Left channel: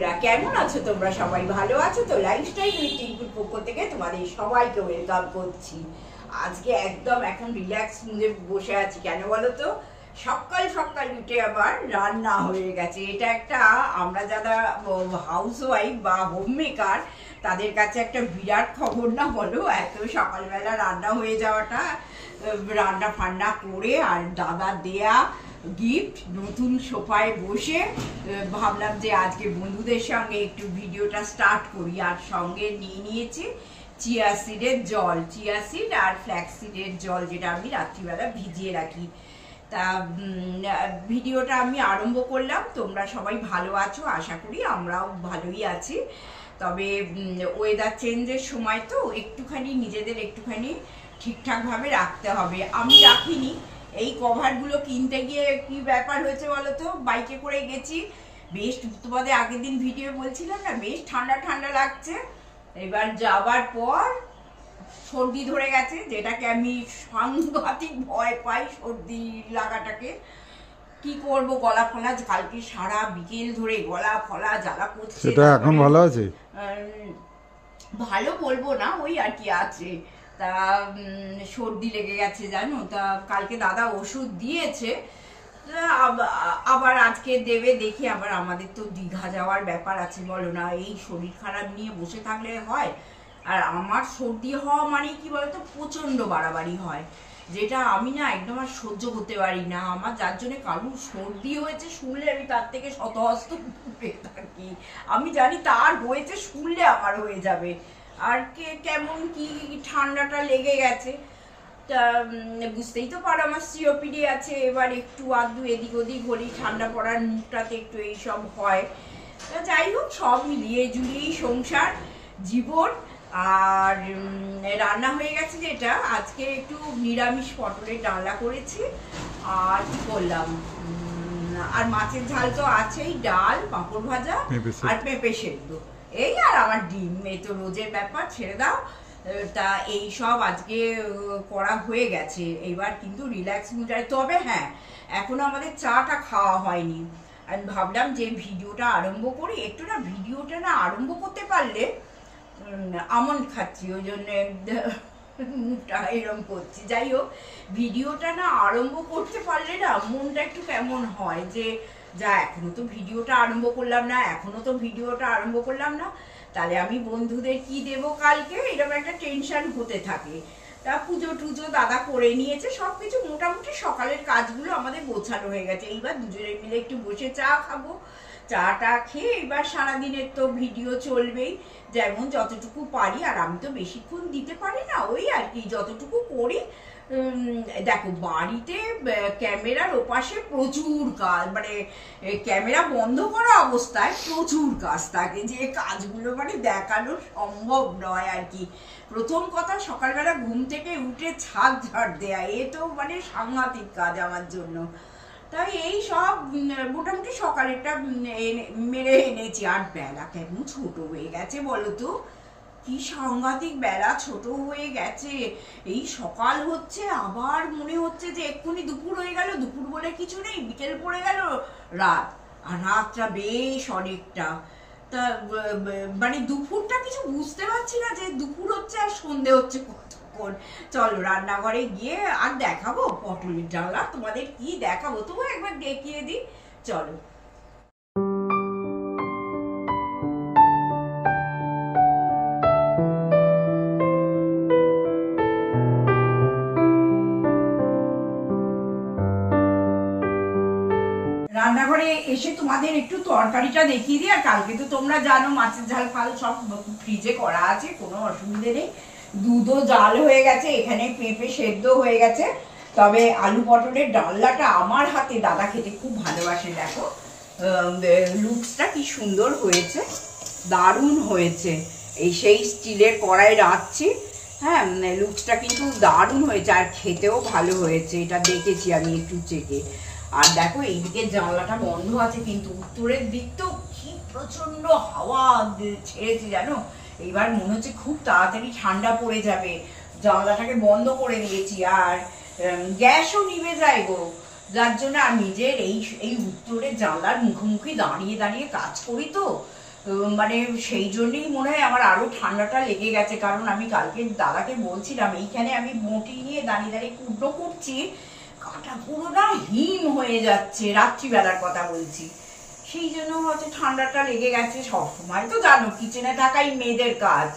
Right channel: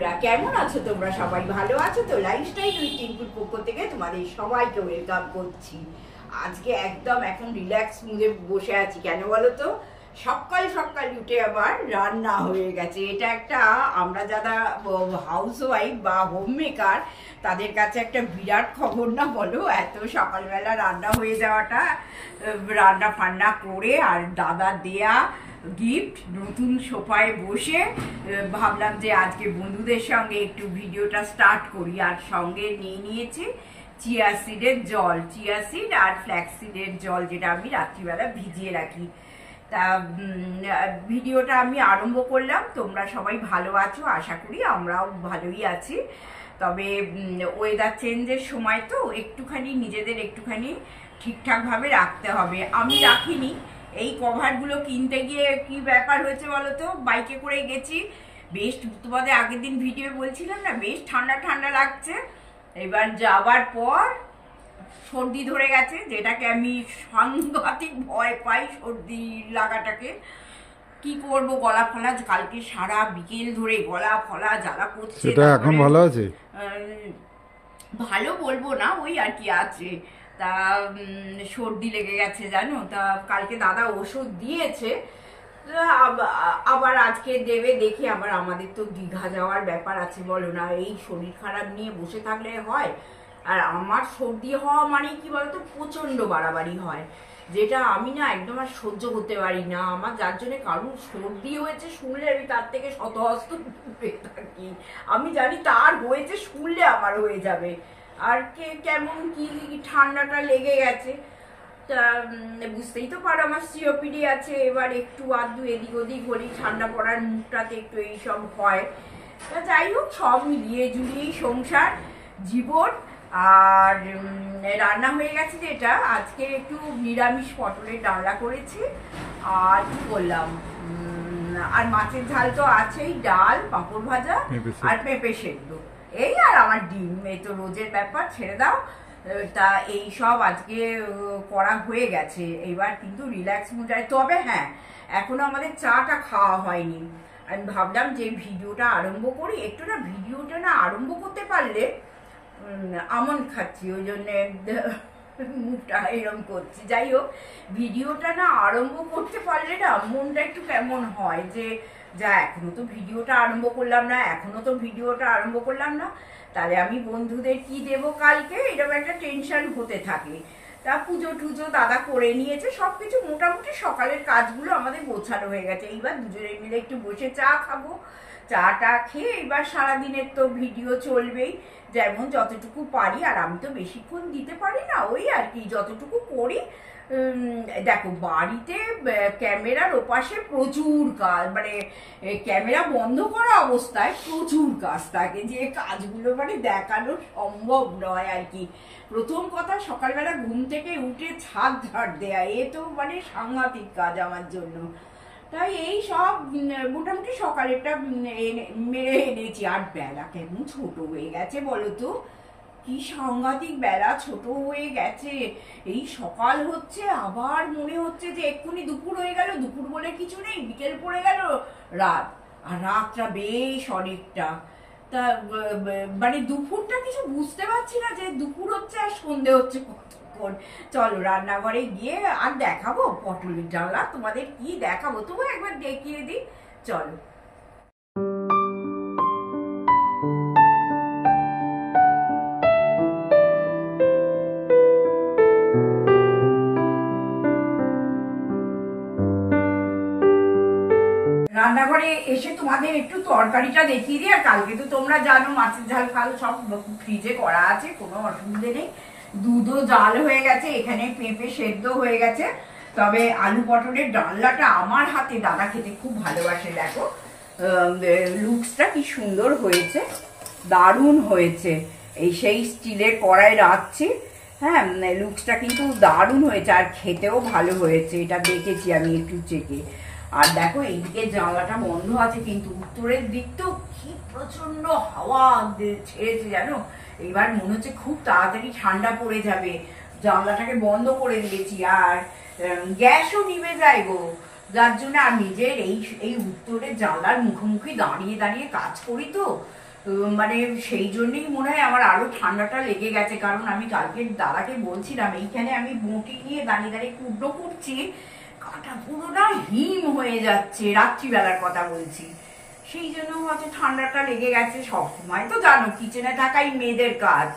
বন্ধুরা, কেমন আছো তোমরা? সবাই ভালো আছো তো? লাইফস্টাইল উইথ টিঙ্কুর পক্ষ থেকে তোমাদের সবাইকে ওয়েলকাম করছি। আজকে একদম এখন রিল্যাক্স মুডে বসে আছি। কেন বলো তো? সকাল সকাল উঠে আবার রান্না হয়ে গেছে। এটা একটা আমরা যারা হাউস ওয়াইফ বা হোম মেকার তাদের কাছে একটা বিরাট খবর না বলো? এত সকালবেলা রান্না হয়ে যাওয়াটা, রান্না ফান্না করে আর দাদা দেয়া গিফট নতুন সোফায় বসে ভাবলাম যে আজকে বন্ধুদের সঙ্গে একটু ভিডিওটা স্টার্ট করি। আর সঙ্গে নিয়ে নিয়েছি চিয়া সিডের জল, চিয়া সিড আর ফ্ল্যাক্স সিডের জল, যেটা আমি রাত্রিবেলা ভিজিয়ে রাখি। তা ভিডিওটা আমি আরম্ভ করলাম। তোমরা সবাই ভালো আছো আশা করি, আমরাও ভালোই আছি। তবে ওয়েদার চেঞ্জের সময় তো একটুখানি নিজেদের একটুখানি ঠিকঠাকভাবে রাখতে হবে। আমি রাখিনি। এই কভারগুলো কিনতে গিয়ে কি ব্যাপার হয়েছে বলো তো? বাইকে করে গেছি, বেশ তোমাদের আগের দিন ভিডিও বলছিলাম না, বেশ ঠান্ডা ঠান্ডা লাগছে। এবার যাবার পর সর্দি ধরে গেছে, যেটাকে আমি সাংঘাতিক ভয় পাই, সর্দি লাগাটাকে। কি করব, গলা ফলা কালকে সারা বিকেল ধরে গলা ফলা জ্বালা করছে। সেটা এখন ভালো আছে? ভালো বলবো না, ওই আর কি আছে। তা সর্দি লেগে গেছে জানো। তা কালকে দাদা ওষুধ দিয়েছে, আবার আজকে দেবে দেখি। আবার আমাদের তো দীঘা যাওয়ার ব্যাপার আছে, বলো না? এই শরীর খারাপ নিয়ে বসে থাকলে হয়? আর আমার সর্দি হওয়া মানে কি বলতো, প্রচন্ড বাড়াবাড়ি হয়, যেটা আমি না একদম আর সহ্য করতে পারি না। আমার যার জন্য কারুর সর্দি হয়েছে শুনলে আমি তার থেকে শতহস্ত দূরে থাকি। আমি জানি তার হয়েছে, শুনলে আমার হয়ে যাবে। আর কেমন কি ঠান্ডাটা লেগে গেছে। তা বুঝতেই তো পারো আমার সিওপিডি আছে। এবার একটু আধটু এদিক ওদিক হলি ঠান্ডা পড়ার মুখটাতে একটু এইসব হয়। তা যাই হোক, সব মিলিয়ে জুলিয়েই সংসার জীবন। আর রান্না হয়ে গেছে যেটা, আজকে একটু নিরামিষ পটলের ডালনা করেছি। আর কি করলাম, আর মাছের ঝাল তো আছেই, ডাল, পাঁপড় ভাজা আর পেঁপে সেদ্ধ, এই আর আমার ডিম। এই তো রোজের ব্যাপার, ছেড়ে দাও। তা এই সব আজকে করা হয়ে গেছে। এবার কিন্তু রিল্যাক্স মুড। তবে হ্যাঁ, এখনো আমাদের চাটা খাওয়া হয়নি। আমি ভাবলাম যে ভিডিওটা আরম্ভ করি। একটু না ভিডিওটা না আরম্ভ করতে পারলে, আমন্ড খাচ্ছি ওই জন্যে মুখটা এরম করছি। যাই হোক, ভিডিওটা না আরম্ভ করতে পারলে না মনটা একটু কেমন হয়, যে যা এখনো তো ভিডিওটা আরম্ভ করলাম না, তাহলে আমি বন্ধুদের কি দেব কালকে, এরকম একটা টেনশন হতে থাকে। তা পুজো টুজো দাদা করে নিয়েছে, সবকিছু মোটামুটি সকালের কাজগুলো আমাদের গোছানো হয়ে গেছে। এইবার দুজনে মিলে একটু বসে চা খাবো। চাটা খেয়ে এবার সারাদিনের তো ভিডিও চলবেই, যেমন যতটুকু পারি। আর আমি তো বেশিক্ষণ দিতে পারি না, ওই আর কি যতটুকু করি। দেখো, বাড়িতে ক্যামেরার ওপাশে প্রচুর কাজ, মানে ক্যামেরা বন্ধ করা অবস্থায় প্রচুর কাজ থাকে, যে কাজগুলো মানে দেখানো সম্ভব নয় আর কি। প্রথম কথা, সকালবেলা ঘুম থেকে উঠে ছাদ ঝাড় দেয়া, এ তো মানে সাংঘাতিক কাজ আমার জন্য। তাই এই সব মোটামুটি সকালেরটা মেরে এনেছি। আর বেলা কেমন ছোট হয়ে গেছে বলো তো? কি সাংঘাতিক বেলা ছোট হয়ে গেছে। এই সকাল হচ্ছে, আবার মনে হচ্ছে যে এক্ষুনি দুপুর হয়ে গেল। দুপুর বলে কিছু নেই, বিকেল পড়ে গেল রাত, আর রাতটা বেশ অনেকটা। তা মানে দুপুরটা কিছু বুঝতে পারছি না, যে দুপুর হচ্ছে আর সন্ধে হচ্ছে কতক্ষণ। চলো রান্নাঘরে গিয়ে আর দেখাবো পটলের ডালনা। তোমাদের কি দেখাবো, তবু একবার দেখিয়ে দিই, চলো। রান্নাঘরে এসে তোমাদের একটু তরকারিটা দেখিয়ে দিই। আর কালকে তো তোমরা জানো মাছের ঝাল ফাল সব ফ্রিজে করা আছে, কোনো অসুবিধে নেই। দুধও জাল হয়ে গেছে, এখানে পেঁপে সেদ্ধ হয়ে গেছে। তবে আলু পটলের ডালনাটা আমার হাতে দাদা খেতে খুব ভালোবাসে। দেখো লুকসটা কি সুন্দর হয়েছে, দারুণ হয়েছে। এই সেই স্টিলের কড়াই রাখছি, হ্যাঁ, লুকসটা কিন্তু দারুণ হয়েছে, আর খেতেও ভালো হয়েছে, এটা দেখেছি আমি একটু চেখে। আর দেখো এইদিকে জানলাটা বন্ধ আছে, কিন্তু উত্তরের দিক তো কি প্রচন্ড হাওয়া ছেড়েছে জানো। এইবার মনে হচ্ছে খুব তাড়াতাড়ি ঠান্ডা পড়ে যাবে। জানলাটাকে বন্ধ করে দিয়েছি, আর গ্যাসও নিভে যায় গো, যার জন্য। আর নিজের এই উত্তরের জানলার মুখোমুখি দাঁড়িয়ে দাঁড়িয়ে কাজ করি তো, মানে সেই জন্যই মনে হয় আমার আরো ঠান্ডাটা লেগে গেছে, কারণ আমি কালকে দাদাকে বলছিলাম এইখানে আমি বটি নিয়ে দাঁড়িয়ে দাঁড়িয়ে কুটনো করছি, কাটা পুরো না হিম হয়ে যাচ্ছে, রাত্রিবেলার কথা বলছি, সেই জন্য হয়তো ঠান্ডাটা লেগে গেছে। সবসময় তো জানো কিচেনে থাকাই মেয়েদের কাজ,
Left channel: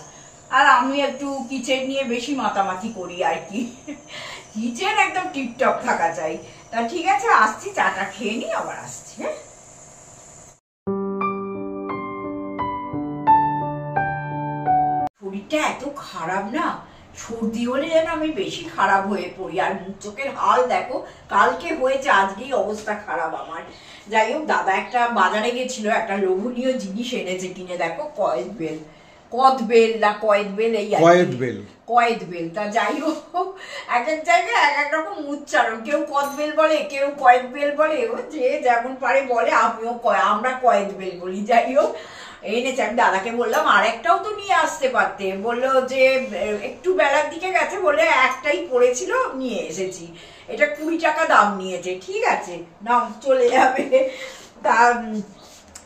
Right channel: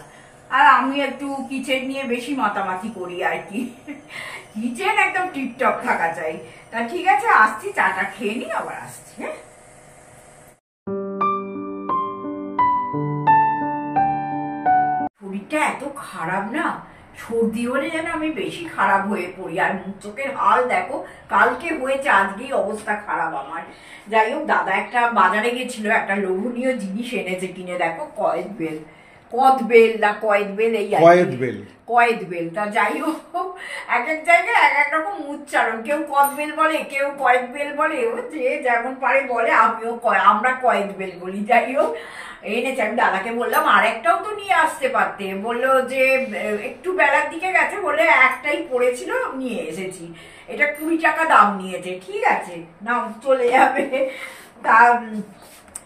আর আমি একটু কিচেন নিয়ে বেশি মাতামাতি করি আর কি, কিচেন একদম টিপটপ থাকা চাই। তা ঠিক আছে, আসছি, চাটা খেয়ে নি, আবার আসছি। হ্যাঁ, শরীরটা এত খারাপ না, সর্দি হলে যেন আমি বেশি খারাপ হয়ে পড়ি, আর মুখ চোখের হাল দেখো, কালকে হয়েছে, আজকেই অবস্থা খারাপ আমার। যাই হোক, দাদা একটা বাজারে গেছিল, একটা লোভনীয় জিনিস এনেছে কিনে, দেখো কয়েদবেল, কদবেল না কয়েদবেল, এই কয়েদবেল, কয়েদবেল। তা যাই হোক, এক এক জায়গায় এক এক রকম উচ্চারণ, কেউ কদবেল বলে, কেউ কয়েদবেল বলে, যে যেমন পারে বলে, আমরা কয়েদবেল বলি। যাই হোক, এনেছে, আমি দাদাকে বললাম আর একটাও তো নিয়ে আসতে পারতে, বললো যে একটু বেলার দিকে গেছে বলে একটাই পড়েছিল, নিয়ে এসেছি, এটা 20 টাকা দাম নিয়েছে। ঠিক আছে, না চলে যাবে। তা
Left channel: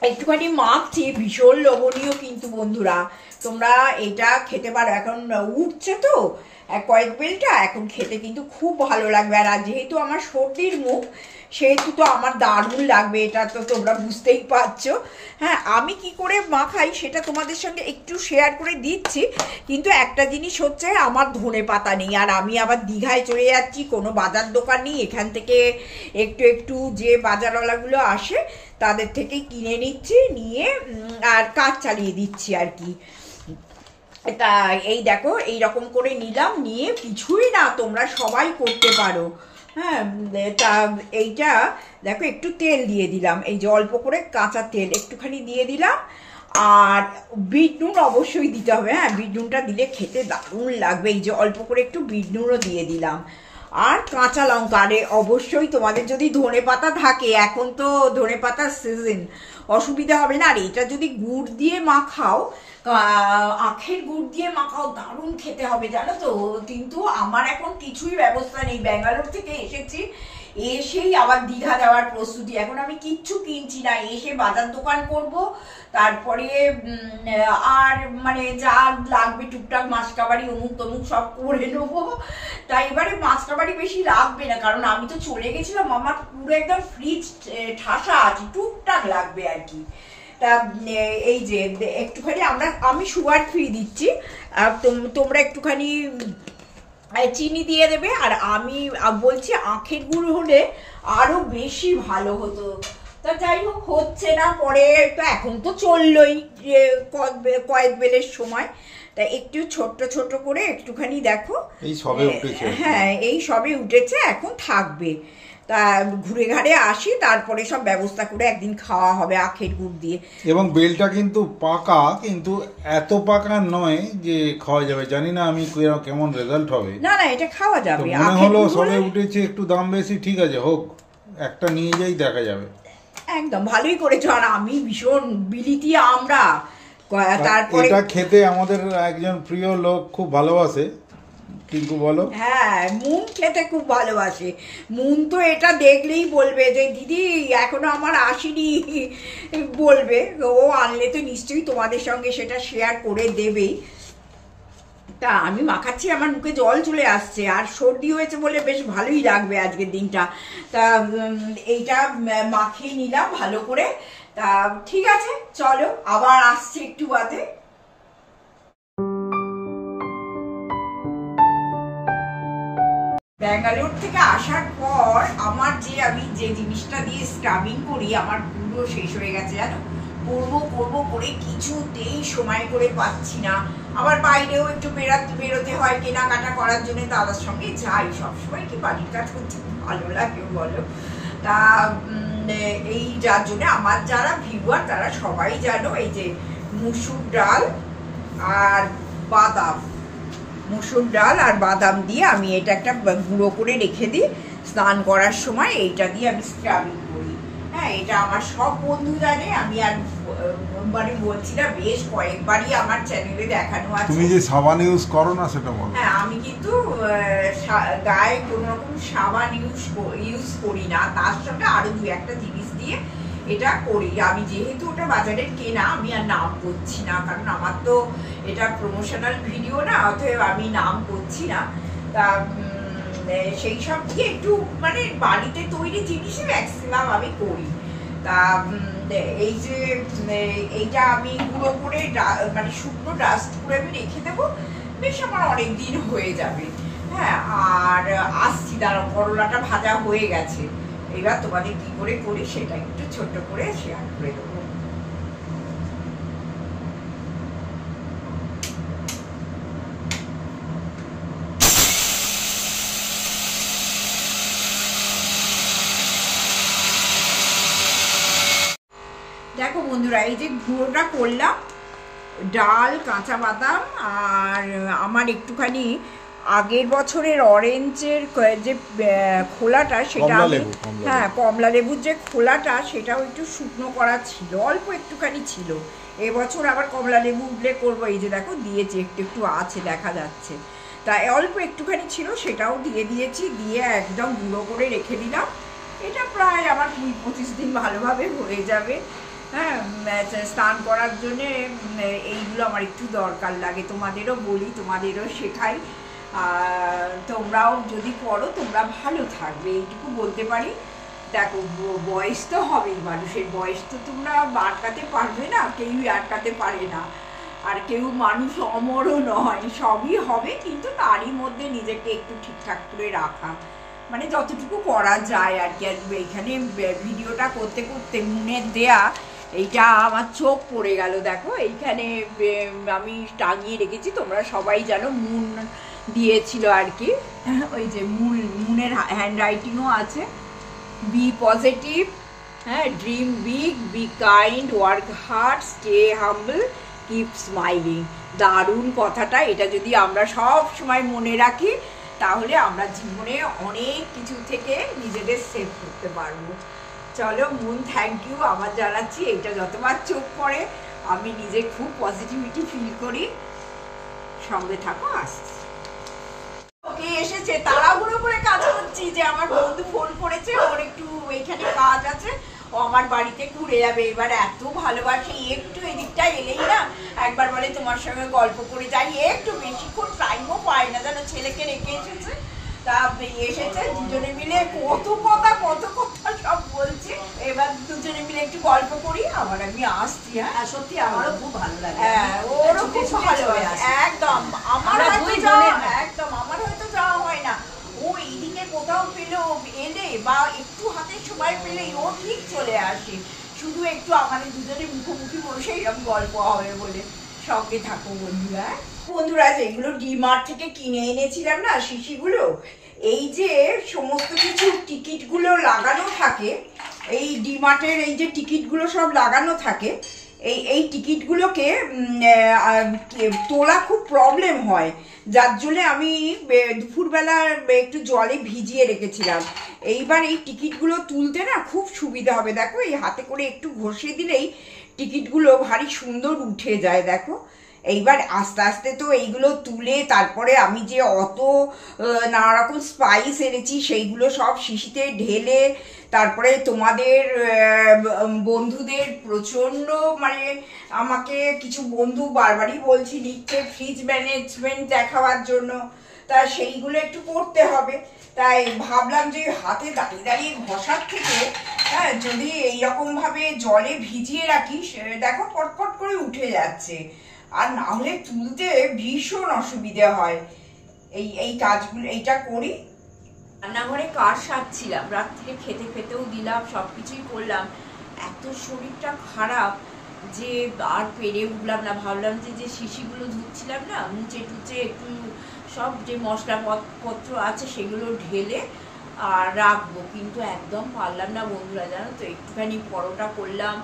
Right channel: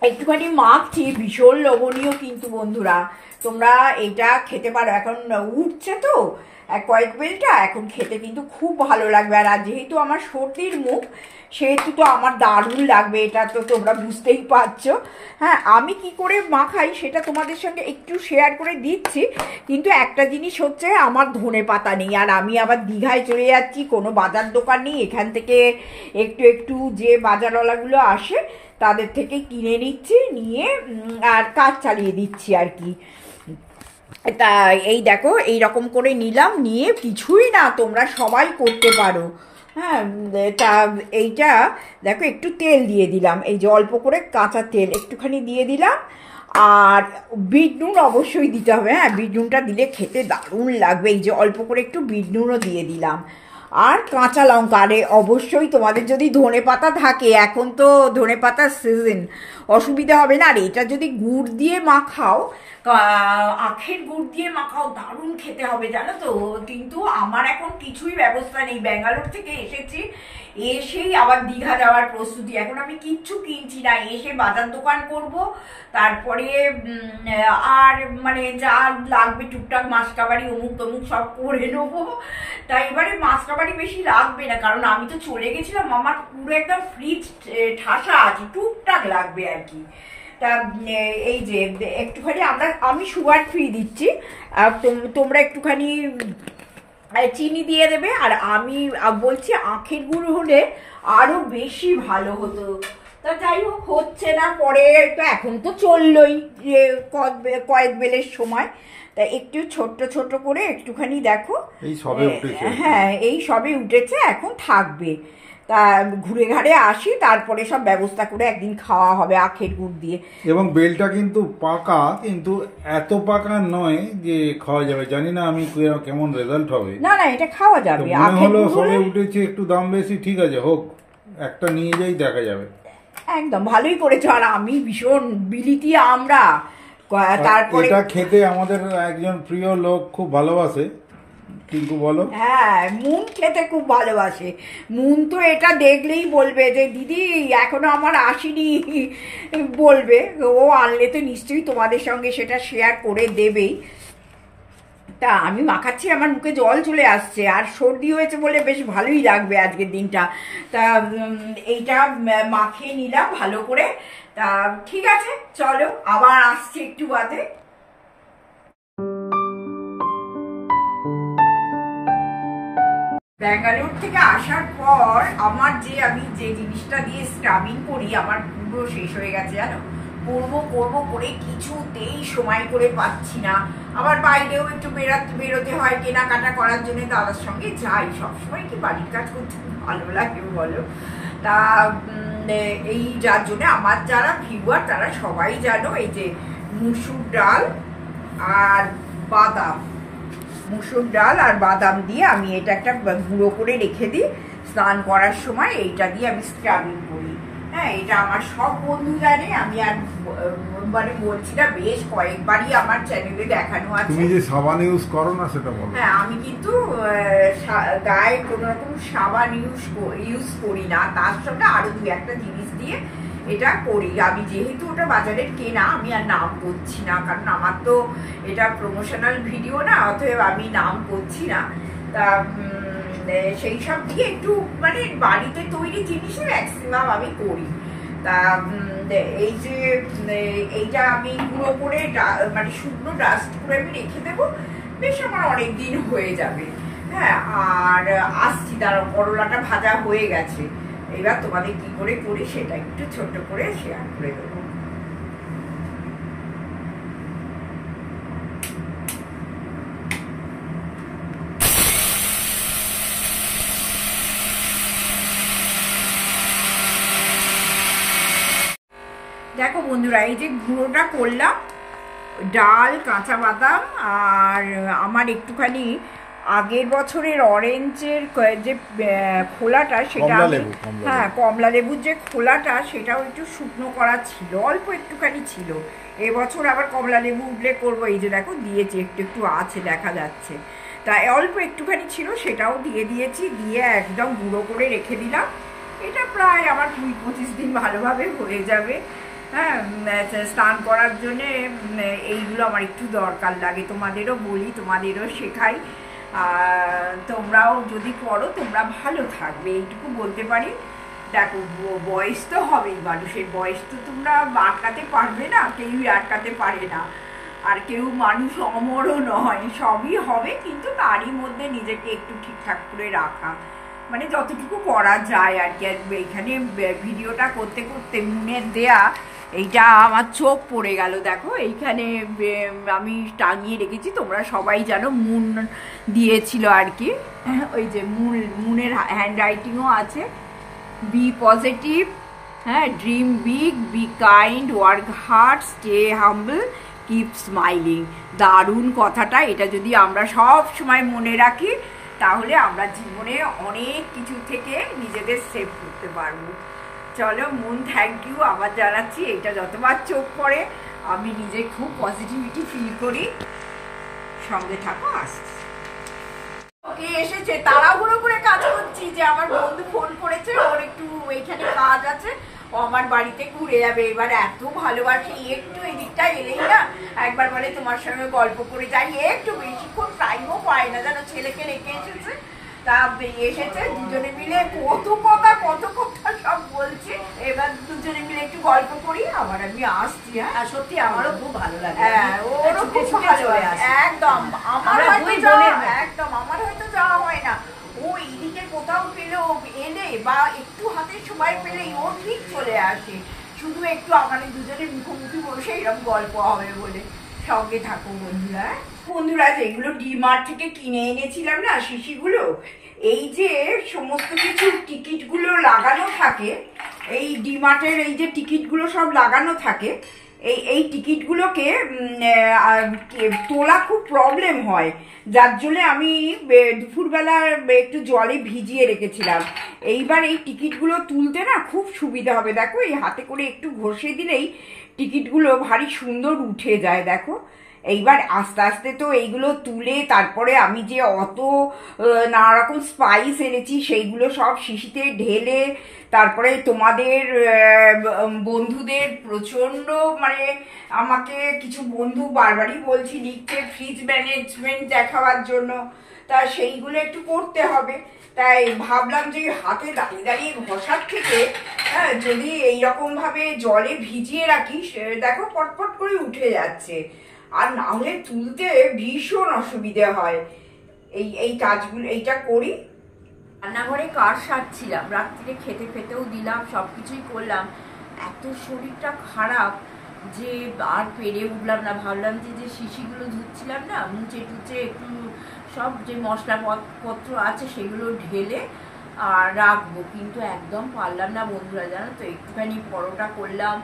একটুখানি মাখছি, ভীষণ লোভনীয় কিন্তু বন্ধুরা, তোমরা এটা খেতে পারো, এখন উঠছে তো কয়েকবেলটা, এখন খেতে কিন্তু খুব ভালো লাগবে। আর যেহেতু আমার সর্দির মুখ, সেহেতু তো আমার দারুণ লাগবে, এটা তো তোমরা বুঝতেই পারছো। হ্যাঁ, আমি কি করে মাখাই সেটা তোমাদের সঙ্গে একটু শেয়ার করে দিচ্ছি, কিন্তু একটা জিনিস হচ্ছে, আমার ধনে পাতা নেই, আর আমি আবার দীঘায় চলে যাচ্ছি, কোনো বাজার দোকান নেই, এখান থেকে একটু একটু যে বাজারওয়ালাগুলো আসে তাদের থেকে কিনে নিচ্ছি, নিয়ে আর কাজ চালিয়ে দিচ্ছি আর কি। তা এই দেখো, এইরকম করে নিলাম, নিয়ে কিছুই না, তোমরা সবাই করতে পারো। হ্যাঁ, তা এইটা দেখো, একটু তেল দিয়ে দিলাম, এই যে অল্প করে কাঁচা তেল একটুখানি দিয়ে দিলাম, আর বিট নুন অবশ্যই দিতে হবে। হ্যাঁ, বিট নুনটা দিলে খেতে দারুণ লাগবে, এই যে অল্প করে একটু বিট নুনও দিয়ে দিলাম, আর কাঁচা লঙ্কা। আরে অবশ্যই তোমাদের যদি ধনে পাতা থাকে, এখন তো ধনে পাতার সিজন, অসুবিধা হবে না। আর এটা যদি গুড় দিয়ে মাখাও, আখের গুড় দিয়ে মাখাও, দারুণ খেতে হবে জানো তো। কিন্তু আমার এখন কিছুই ব্যবস্থা নেই, ব্যাঙ্গালোর থেকে এসেছি, এসেই আবার দীঘা যাওয়ার প্রস্তুতি, এখন আমি কিচ্ছু কিনছি না, এসে বাজার দোকান করব, তারপরে আর মানে যা লাগবে টুকটাক মাসকাবাড়ি অমুক তমুক সব করে নেবো। তাই এবারে মাসকাবাড়ি বেশি লাগবে না, কারণ আমি তো চলে গেছিলাম, আমার পুরো একদম ফ্রিজ ঠাসা আছে, টুকটাক লাগবে আর কি। তা এই যে একটুখানি আমি সুগার ফ্রি দিচ্ছি, আর তোমরা একটুখানি চিনি দিয়ে দেবে। আর আমি বলছি আখের গুড় হলে আরো বেশি ভালো হতো। তা যাই হোক, হচ্ছে না, পরে তো এখন তো চললোই যে কয়েকবেলের সময়, তা একটু ছোট্ট ছোট করে একটুখানি দেখো, এই সবে উঠেছে। হ্যাঁ, এই সবে উঠেছে, এখন থাকবে। তা ঘুরে ঘাড়ে আসি, তারপরে সব ব্যবস্থা করে একদিন খাওয়া হবে আখের গুড় দিয়ে। এবং বেলটা কিন্তু পাকা, কিন্তু এত পাকা নয় যে খাওয়া যাবে, জানি না আমি কেমন রেজাল্ট হবে। না না, এটা খাওয়া যাবে, মনে হলো সবে উঠেছে, একটু দাম বেশি, ঠিক আছে হোক, একটা নিয়ে যাই, দেখা যাবে। একদম ভালোই করেছো। আর আমি ভীষণ বিলিতি আমরা, তারপরে এটা খেতে আমাদের একজন প্রিয় লোক খুব ভালোবাসে, টিঙ্কু বলো। হ্যাঁ, মুন খেতে খুব ভালোবাসে, মুন তো এটা দেখলেই বলবে যে দিদি এখনো আমার আসেনি, বলবে, ও আনলে তো নিশ্চয়ই তোমাদের সঙ্গে সেটা শেয়ার করে দেবেই। তা আমি মাখাচ্ছি, আমার মুখে জল চলে আসছে, আর সর্দি হয়েছে বলে বেশ ভালোই লাগবে আজকের দিনটা। তা এইটা মাখিয়ে নিলাম ভালো করে। তা ঠিক আছে, চলো আবার আসছি একটু বাদে। ব্যাঙ্গালোর থেকে আসার পর আমার আমি যে জিনিসটা দিয়ে স্ক্রাবিং করি, আমার পুরো শেষ হয়ে গেছে জানো, করবো করে কিছুতেই সময় করে পাচ্ছি না। আবার বাইরেও একটু বেরোতে হয় কেনাকাটা করার জন্য, দাদার সঙ্গে যাই, সবসময় কি বাড়ির কাজ করতে ভালো লাগে বলো। তা এই যার জন্য আমার যারা ভিউয়ার তারা সবাই জানো, এই যে মুসুর ডাল আর বাদাম, মুসুর ডাল আর বাদাম দিয়ে আমি এটা একটা গুঁড়ো করে রেখে দিই, স্নান করার সময় এইটা দিয়ে আমি স্ক্রাবিং করি। হ্যাঁ, এটা আমার সব বন্ধু জানে, আমি আর মানে বলছি না, বেশ কয়েকবারই আমার চ্যানেলে দেখানো আছে। তুমি যে সাবান ইউজ করো না সেটা বলো। হ্যাঁ, আমি কিন্তু গায়ে কোনো রকম সাবান ইউজ করি না, তার সঙ্গে আরো দু একটা জিনিস দিয়ে এটা করি। আমি যেহেতু ওটা বাজারের কেনা, আমি আর নাম করছি না, কারণ আমার তো এটা প্রমোশনাল ভিডিও না, অতএব আমি নাম করছি না। তা সেই সব দিয়ে একটু মানে বাড়িতে তৈরি জিনিসই ম্যাক্সিমাম আমি করি। তা এই যে এইটা আমি গুঁড়ো করে মানে শুকনো ডাস্ট করে আমি রেখে দেবো, বেশ আমার অনেক দিন হয়ে যাবে। হ্যাঁ, আর আসছি দাঁড়াও, করলাটা ভাজা হয়ে গেছে, এবার তোমাদের কি করে করি সেটা একটু ছোট্ট করে শেয়ার করে দেবো। দেখো বন্ধুরা, এই যে গুঁড়োটা করলাম, ডাল, কাঁচা বাদাম, আর আমার একটুখানি আগের বছরের অরেঞ্জের যে খোলাটা, সেটা হ্যাঁ কমলা লেবুর যে খোলাটা, সেটাও একটু শুকনো করা ছিল, অল্প একটুখানি ছিল। এবছর আবার কমলা লেবু উঠলে করবো, এই যে দেখো দিয়েছি, একটু একটু আছে দেখা যাচ্ছে, তাই অল্প একটুখানি ছিল, সেটাও দিয়ে দিয়েছি, দিয়ে একদম গুঁড়ো করে রেখে দিলাম। এটা প্রায় আমার 20-25 দিন ভালোভাবে হয়ে যাবে। হ্যাঁ, স্নান করার জন্যে এইগুলো আমার একটু দরকার লাগে, তোমাদেরও বলি, তোমাদেরও শেখাই, তোমরাও যদি করো তোমরা ভালো থাকবে, এইটুকু বলতে পারি। দেখো, বয়স তো হবেই, মানুষের বয়স তো তোমরা আটকাতে পারবে না, কেউই আটকাতে পারে না, আর কেউ মানুষ অমরও নয়, সবই হবে, কিন্তু তারই মধ্যে নিজেকে একটু ঠিকঠাক করে রাখা, মানে যতটুকু করা যায় আর কি। এখানে ভিডিওটা করতে করতে মুনের দেয়া এইটা আমার চোখ পড়ে গেল, দেখো এইখানে আমি টাঙিয়ে রেখেছি, তোমরা সবাই জানো মুন দিয়েছিল আর কি, ওই যে মুনের হ্যান্ড রাইটিংও আছে, বি পজিটিভ, হ্যাঁ, dream big, be kind, work hard, stay humble, keep smiling. দারুণ কথাটা, এটা যদি আমরা সব সময় মনে রাখি, তাহলে আমরা জীবনে অনেক কিছু থেকে নিজেদের সেভ করতে পারবো। চলো মুন, থ্যাংক ইউ আবার জানাচ্ছি, এটা যতবার চোখ পড়ে আমি নিজে খুব পজিটিভিটি ফিল করি। সঙ্গে থাকো, আসছি। ওকে এসেছে, তাড়াহুড়ো করে কাজ করছি, যে আমার বন্ধু ফোন করেছে, ওর একটু এখানে কাজ আছে, ও আমার বাড়িতে ঘুরে যাবে। এবার এত ভালোবাসে, একটু এদিকটা এলেই না একবার বলে তোমার সঙ্গে গল্প করে যাই, একটু বেশিক্ষণ টাইমও পায় না, জানো, ছেলেকে রেখে এসেছে, তা এসেছে, দুজনে মিলে কত কথা সব বলছে, এবার দুজনে মিলে একটু গল্প করি, আবার আমি আসছি। হ্যাঁ, সত্যি আমারও খুব ভালো লাগে, হ্যাঁ ওরও খুব ভালো লাগে, একদম আমার হয়তো যাওয়া হয় না, ও এইদিকে কোথাও পেলো, এলে বা একটু হাতে সময় পেলেই ও ঠিক চলে আসে, শুধু একটু আমাদের দুজনের মুখোমুখি বসে এরকম গল্প হবে বলে। সঙ্গে থাকো বন্ধুরা। বন্ধুরা, যেগুলো ডিমার্ট থেকে কিনে এনেছিলাম না শিশিগুলো, এই যে সমস্ত কিছু টিকিটগুলো লাগানো থাকে, এই ডিমার্টের এই যে টিকিটগুলো সব লাগানো থাকে, এই টিকিটগুলোকে তোলা খুব প্রবলেম হয়, যার জন্য আমি দুপুরবেলা একটু জলে ভিজিয়ে রেখেছিলাম। এইবার এই টিকিটগুলো তুলতে না খুব সুবিধা হবে, দেখো এই হাতে করে একটু ঘষে দিলেই টিকিটগুলো ভারী সুন্দর উঠে যায়, দেখো। এইবার আস্তে আস্তে তো এইগুলো তুলে, তারপরে আমি যে অত নানা রকম স্পাইস এনেছি সেইগুলো সব শিশিতে ঢেলে, তারপরে তোমাদের বন্ধুদের প্রচণ্ড, মানে আমাকে কিছু বন্ধু বারবারই বলছি লিখতে ফ্রিজ ম্যানেজমেন্ট দেখাবার জন্য, তা সেইগুলো একটু করতে হবে, তাই ভাবলাম যে হাতে দাঁড়িয়ে দাঁড়িয়ে ঘষার থেকে, হ্যাঁ, যদি এইরকমভাবে জলে ভিজিয়ে রাখি, দেখো পটপট করে উঠে যাচ্ছে, আর না হলে তুলতে ভীষণ অসুবিধে হয়। এই কাজগুলো এইটা করি। রান্নাঘরে কার সারছিলাম, রাত্রিরে খেতে খেতেও দিলাম, সব কিছুই করলাম, এত শরীরটা খারাপ যে আর পেরে উঠলাম না। ভাবলাম যে শিশিগুলো ধুচ্ছিলাম না, মুচে টুচে একটু সব যে মশলাপত্র আছে সেগুলো ঢেলে আর রাখবো, কিন্তু একদম পারলাম না বন্ধুরা, জানো তো। একটুখানি পরোটা করলাম,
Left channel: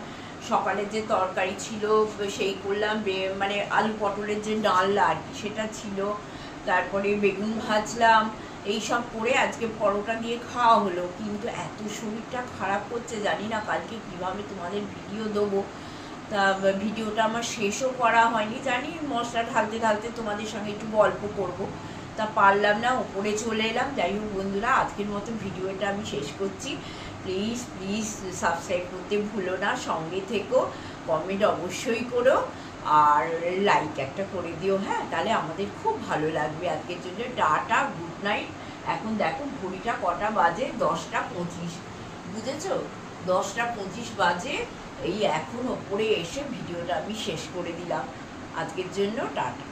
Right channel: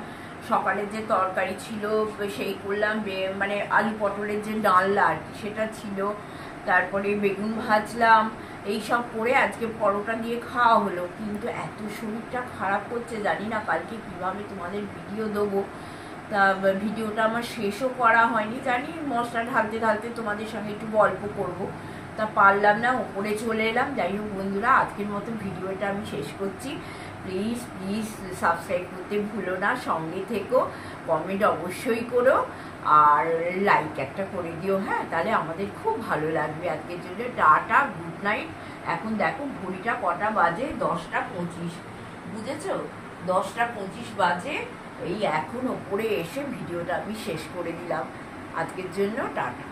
সকালে যে তরকারি ছিল সেই করলাম, মানে আলু পটলের যে ডালনা আর কি সেটা ছিল, তারপরে বেগুন ভাজলাম, এই সব করে আজকে পরোটা দিয়ে খাওয়া হলো, কিন্তু এত শরীরটা খারাপ করছে, জানি না কালকে কিভাবে তোমাদের ভিডিও দেবো। তা ভিডিওটা আমার শেষও করা হয়নি, জানি মশলা ঢালতে ঢালতে তোমাদের সঙ্গে একটু গল্প করব, তা পারলাম না, ওপরে চলে এলাম। যাই হোক বন্ধুরা, আজকের মতো ভিডিওটা আমি শেষ করছি। প্লিজ প্লিজ সাবস্ক্রাইব করতে ভুলো না, সঙ্গে থেকো, কমেন্ট অবশ্যই করো, আর লাইক একটা করে দিও। হ্যাঁ, তাহলে আমাদের খুব ভালো লাগবে। আজকের জন্য টাটা, গুড নাইট। এখন দেখো ঘড়িটা কটা বাজে, 10টা 25, বুঝেছো? 10টা 25 বাজে। এই এখন ওপরে এসে ভিডিওটা আমি শেষ করে দিলাম। আজকের জন্য টাটা।